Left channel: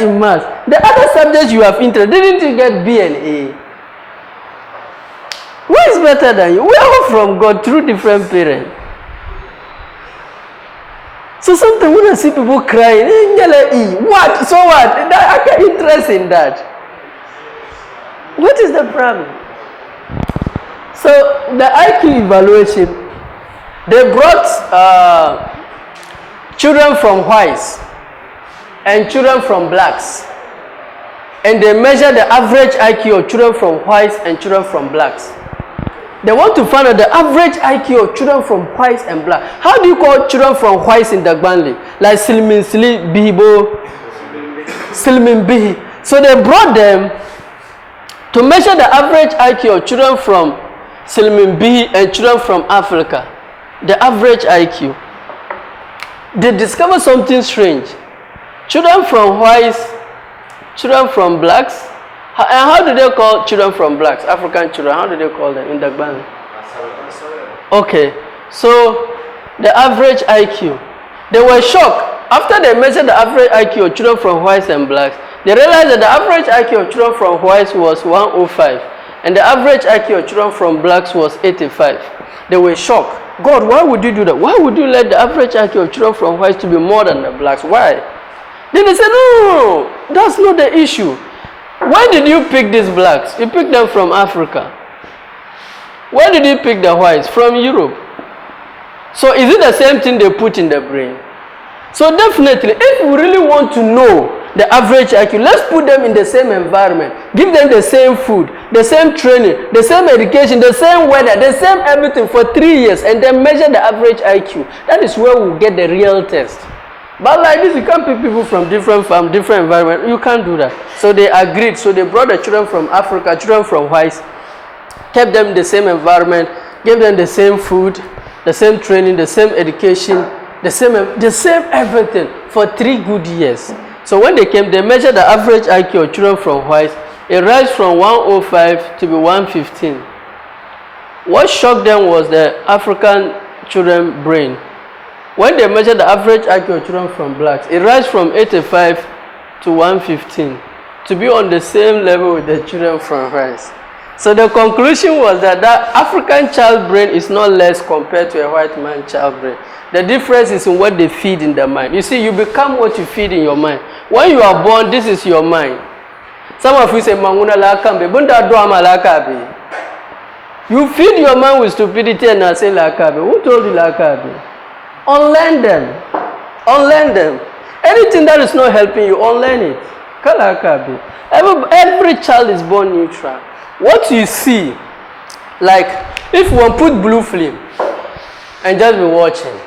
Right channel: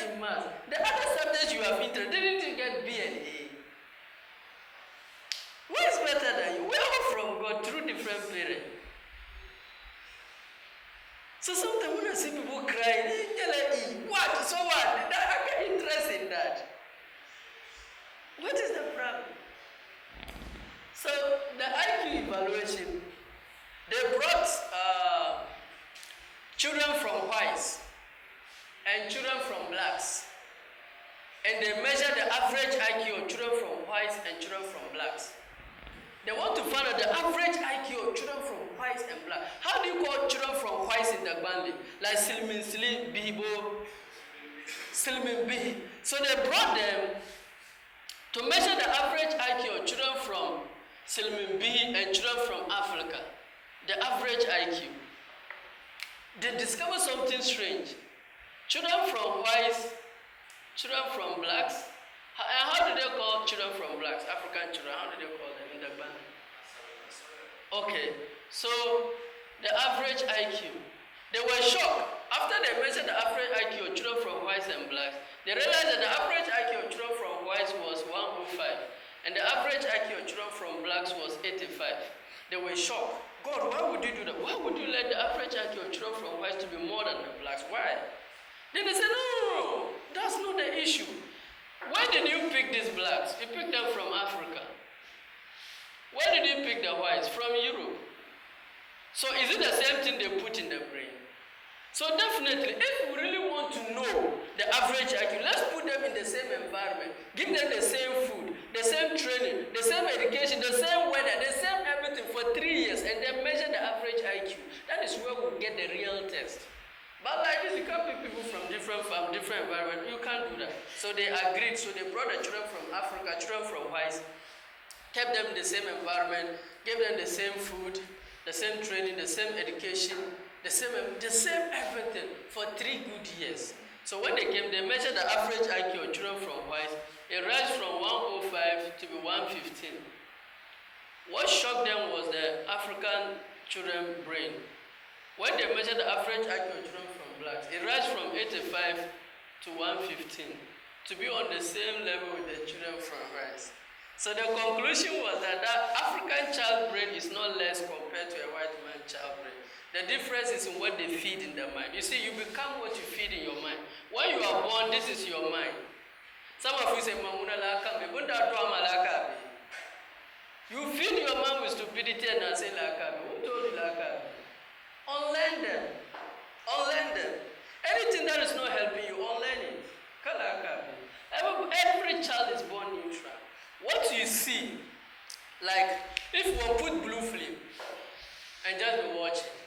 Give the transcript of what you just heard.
interest in maths. The other subjects you have interest, didn't you get B and A? Who is better than you? We are all from God through different parents. So sometimes when I see people crying, what? So what? I get interest in that. What is the problem? So the IQ evaluation, they brought children from whites and children from blacks. And they measure the average IQ of children from whites and children from blacks. They want to find out the average IQ of children from whites and black. How do you call children from whites in Dagbanli? Like Silmin Sili Bihibo, Silmin Bihi. So they brought them to measure the average IQ of children from Silmin Bihi and children from Africa. The average IQ. They discovered something strange. Children from whites, children from blacks. And how do they call children from blacks, African children? How do they call them in Dagbanli? Okay, so the average IQ. They were shocked. After they measured the average IQ of children from whites and blacks, they realized that the average IQ of children from whites was 105. And the average IQ of children from blacks was 85. They were shocked. God, why would you do that? Why would you let the average IQ of children from whites to be more than the blacks? Why? Then they said, no, that's not the issue. Why did you pick these blacks? You picked them from Africa. Why did you pick the whites? From Europe. So is it the same thing they put in the brain? So definitely, if we really want to know the average IQ, let's put them in the same environment. Give them the same food, the same training, the same education, the same weather, the same everything for 3 years, and then measure the average IQ. That is where we'll get the real test. But like this, you can't pick people from different environments. You can't do that. So they agreed. So they brought the children from Africa, children from whites, kept them in the same environment, gave them the same food, the same training, the same education, the same everything for 3 good years. So when they came, they measured the average IQ of children from whites. It rose from 105 to be 115. What shocked them was the African children brain. When they measured the average IQ of children from blacks, it rose from 85 to 115 to be on the same level with the children from whites. So the conclusion was that that African child brain is not less compared to a white man child brain. The difference is in what they feed in the mind. You see, you become what you feed in your mind. When you are born, this is your mind. Some of you say, Manguna lakambe, bunda doama lakabe. You feed your mind with stupidity and I say lakabe. Who told you lakabe? Unlearn them. Unlearn them. Anything that is not helping you, unlearn it. Kalakabe. Every child is born neutral. What you see, like if one put blue film and just be watching,